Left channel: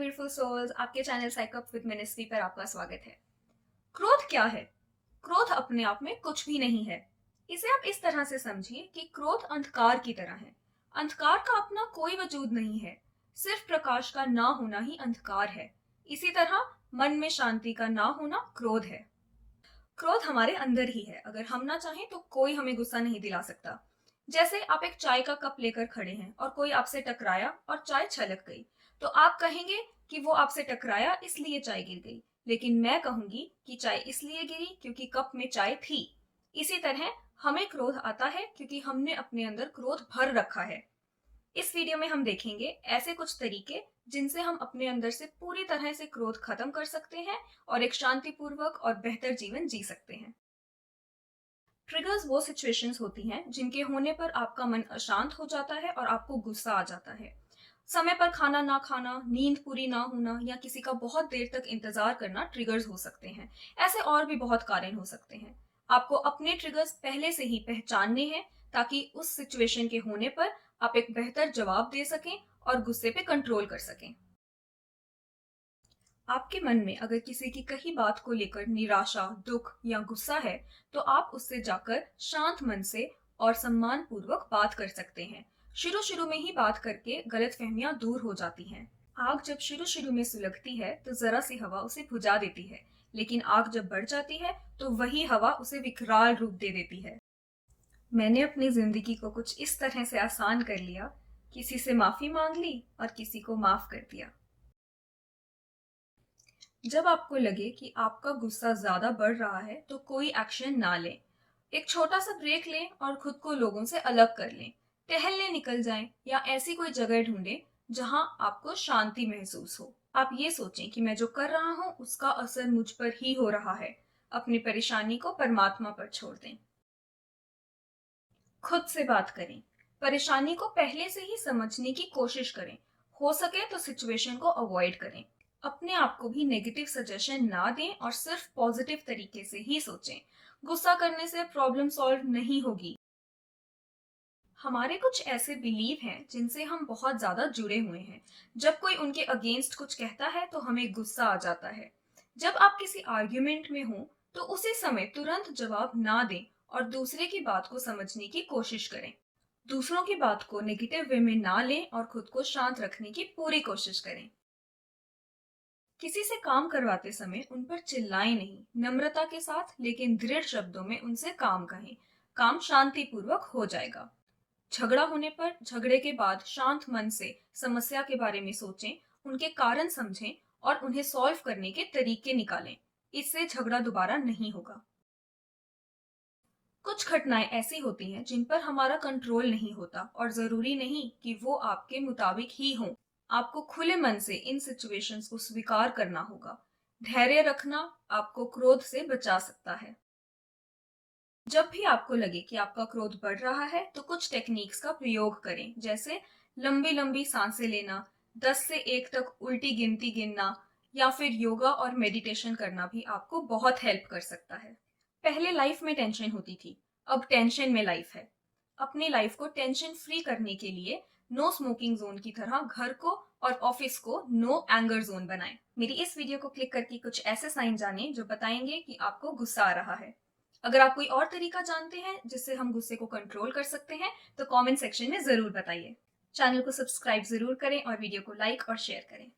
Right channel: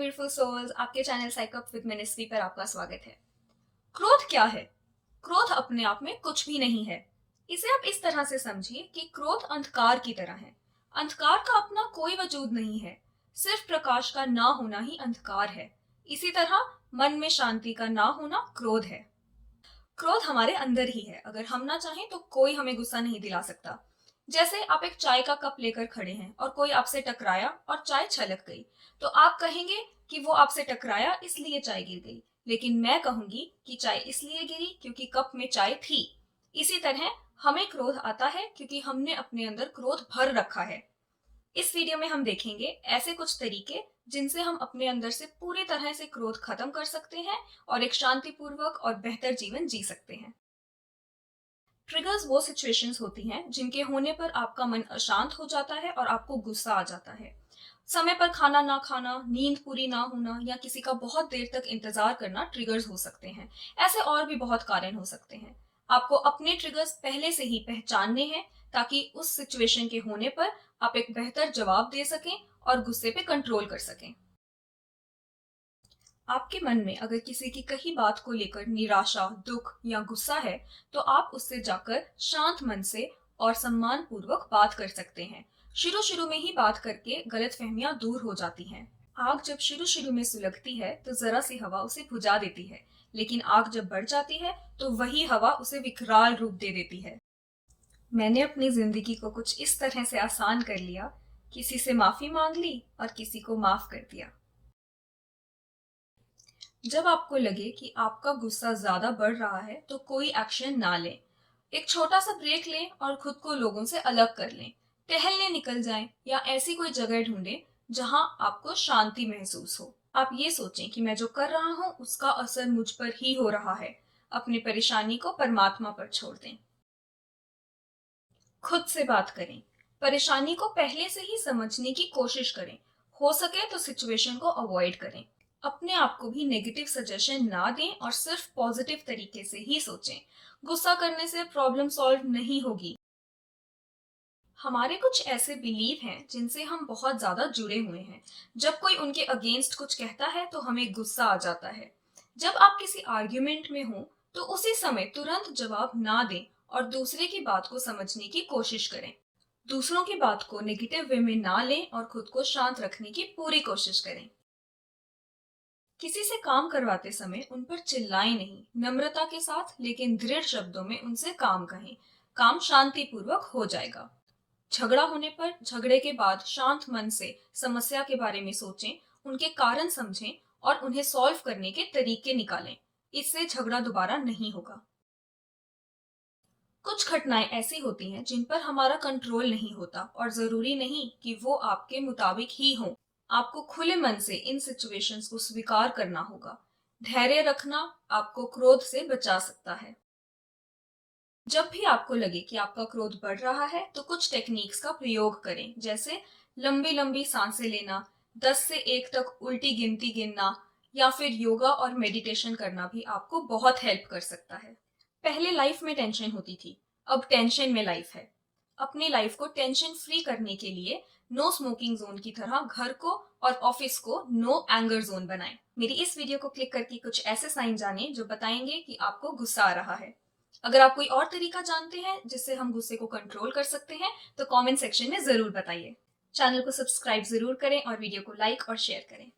Beautiful souls, आपके channel साइकअप with ministry पर आपका स्वागत है। क्रोध क्या है? क्रोध अपने आप में कुछ भी नहीं है। इसे आप इस तरह से समझिए कि क्रोध अंधकार की तरह है। अंधकार का अपना कोई वजूद नहीं है, सिर्फ प्रकाश का ना होना ही अंधकार है। इसी तरह मन में शांति का ना होना क्रोध है। क्रोध हमारे अंदर ही है। अगर हम ना चाहें तो कोई हमें गुस्सा नहीं दिला सकता। जैसे आप एक चाय का कप लेकर खड़े हैं और कोई आपसे टकराया और चाय छलक गई, तो आप कहेंगे कि वो आपसे टकराया इसलिए चाय गिर गई। लेकिन मैं कहूंगी कि चाय इसलिए गिरी क्योंकि कप में चाय थी। इसी तरह हमें क्रोध आता है क्योंकि हमने अपने अंदर क्रोध भर रखा है। इस वीडियो में हम देखेंगे ऐसे कुछ तरीके जिनसे हम अपने अंदर से पूरी तरह से क्रोध खत्म कर सकते हैं और एक शांतिपूर्वक और बेहतर जीवन जी सकते हैं। ट्रिगर्स वो सिचुएशंस होती हैं जिनके होने पर आपका मन अशांत हो जाता है और आपको गुस्सा आ जाता है। समय पर खाना ना खाना, नींद पूरी ना होना या किसी का बहुत देर तक इंतजार करना ट्रिगर्स हो सकते हैं। ऐसे और भी बहुत कारण हो सकते हैं। आपको अपने ट्रिगर्स पहले से ही पहचानने हैं ताकि उस सिचुएशन के होने पर आप एक बेहतर जवाब दे सकें और गुस्से पे कंट्रोल कर सकें। आपके मन में अगर किसी की कही बात को लेकर निराशा, दुख या गुस्सा है, तो आप उससे जाकर शांत मन से और सम्मान पूर्वक बात कर सकते हैं। शुरू शुरू में ही बात करके गलतफहमियां दूर हो जाती हैं। आग जब शुरू शुरू में सुलगती है तो जरा सी हवा उसे बुझा देती है, लेकिन आग जब बढ़ जाती है तो वही हवा उसे विकराल रूप दे देती है। मैंने अपनी जिंदगी को कुछ इस तरह से आसान कर लिया, किसी से माफी मांग ली और किसी को माफ कर दिया। जब आपको लगे कि आपका गुस्सा ज्यादा बढ़ रहा है तो कोई एक्शन ना लें। एक छोटा सा ब्रेक लें और खुद को लोगों से अलग कर लें। टहलने निकल जाएं या ऐसी कोई जगह ढूंढें जहां आपको शांति महसूस हो। आप ये सोचें कि मैं जो कर रहा हूँ उसका असर मुझ पर ही हो रहा है। अपनी परेशानी को परमात्मा पर छोड़ दें। खुद से बात करें। परेशानी को पहले से ही समझने की कोशिश करें। हो सके तो सिचुएशन को अवॉइड करें। अपने आप को भी नेगेटिव सजेशन ना दें और सिर्फ पॉजिटिव तरीके से ही सोचें। गुस्सा करने से प्रॉब्लम सॉल्व नहीं होगी। हमारे कुछ ऐसे बिलीव हैं जिनसे हम बहुत ज्यादा जुड़े हुए हैं। जब कोई उनके अगेंस्ट कुछ कहता है तो हमें गुस्सा आ जाता है। जब आप किसी आर्ग्यूमेंट में हो तो उसी समय तुरंत जवाब ना दें और दूसरे की बात को समझने की कोशिश करें। दूसरों की बात को नेगेटिव वे में ना लें और खुद को शांत रखने की पूरी कोशिश करें। किसी से काम करवाते समय उन पर चिल्लाएं नहीं, नम्रता के साथ लेकिन दृढ़ शब्दों में उनसे काम कहें। काम शांतिपूर्वक हो जाएगा। झगड़ा होने पर झगड़े के बाद शांत मन से समस्या के बारे में सोचें, उनके कारण समझें और उन्हें सॉल्व करने के तरीके निकालें। इससे झगड़ा दोबारा नहीं होगा। कुछ घटनाएं ऐसी होती हैं जिन पर हमारा कंट्रोल नहीं होता और जरूरी नहीं कि वो आपके मुताबिक ही हों। आपको खुले मन से इन सिचुएशंस को स्वीकार करना होगा। धैर्य रखना आपको क्रोध से बचा सकता है। जब भी आपको लगे कि आपका क्रोध बढ़ रहा है तो कुछ टेक्निक्स का प्रयोग करें, जैसे लंबी लंबी सांसें लेना, 10 से 1 तक उल्टी गिनती गिनना या फिर योगा और मेडिटेशन करना भी आपको बहुत हेल्प कर सकता है। पहले लाइफ में टेंशन होती थी, अब टेंशन में लाइफ है। अपनी लाइफ को टेंशन फ्री करने के लिए नो स्मोकिंग जोन की तरह घर को और ऑफिस को नो एंगर जोन बनाएं। मेरी इस वीडियो को क्लिक करके कुछ ऐसे साइन जानें जो बताएंगे कि आपको गुस्सा आ रहा है। अगर आप कोई और तरीका जानते हैं जिससे हम गुस्से को कंट्रोल कर सकते हैं तो कमेंट सेक्शन में जरूर बताइए। चैनल को सब्सक्राइब जरूर करें और वीडियो को लाइक और शेयर करें।